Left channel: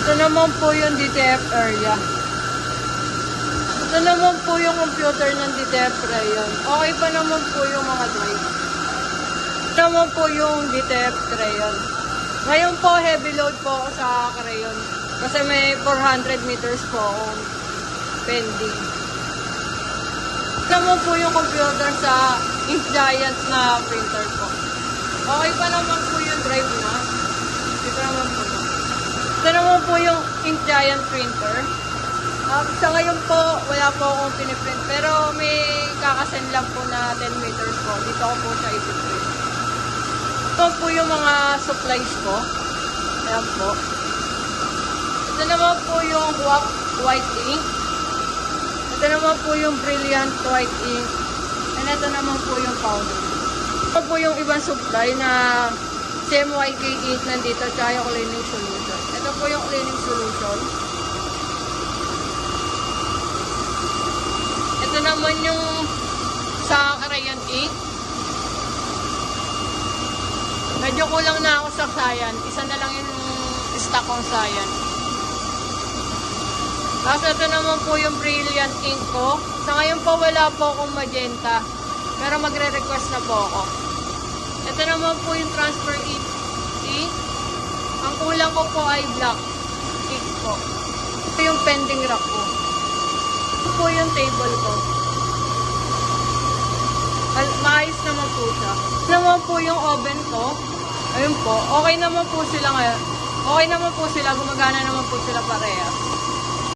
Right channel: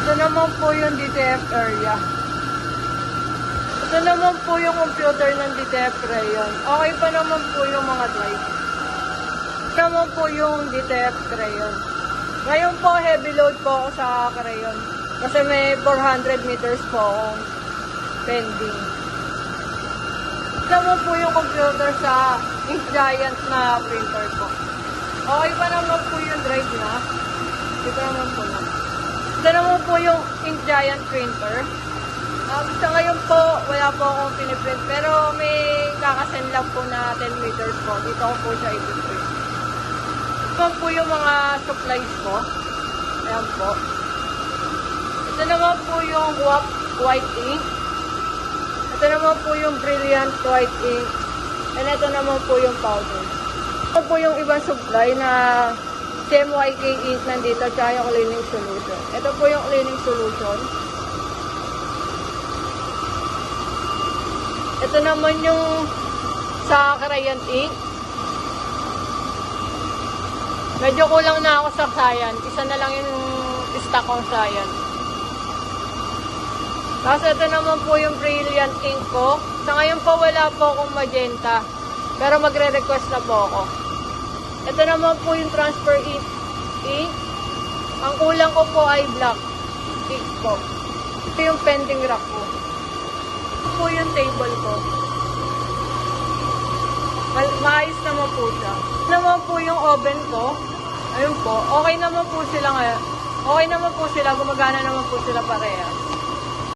Ito naman po yung DTF area. Ito naman po yung computer ng DTF Crayon. Okay pa naman po yung mga drive. Ito naman po yung DTF Crayon. Ngayon po, heavy load po ako sa Crayon. Kasi may 400 meters po akong pending. Ito naman po yung computer sa Ink Giant na printer ko. Okay pa naman po yung drive na. Hindi pa naman po na. Ito naman po yung Ink Giant printer. Sa ngayon po, wala po akong piniprint. Pero may kakasend lang po na 10 meters po. Dito ko po siya ipiprint. Ito po yung mga supplies ko. Ayan po. Ito naman po yung white ink. Ito naman po yung brilliant white ink. And ito naman po yung powder. Ito po yung ibang supply na CMYK ink nandito. Tsaka yung cleaning solution. Ito po yung cleaning solution. Ito naman yung sa crayon ink. Medyo kulang na ako sa cyan. Isa na lang yung stock kong cyan. Tapos ito naman po yung brilliant ink ko. Sa ngayon po wala po akong magenta. Pero magre-request na po ako. Ito naman po yung transfer ink. Ang kulang ko po ay black ink po. Ito yung pending rack ko. Ito po yung table ko. Maayos naman po siya. Ito naman po yung oven ko. Ayun po. Okay naman po sila ngayon. Okay naman po sila. Gumagana naman po sila pareha.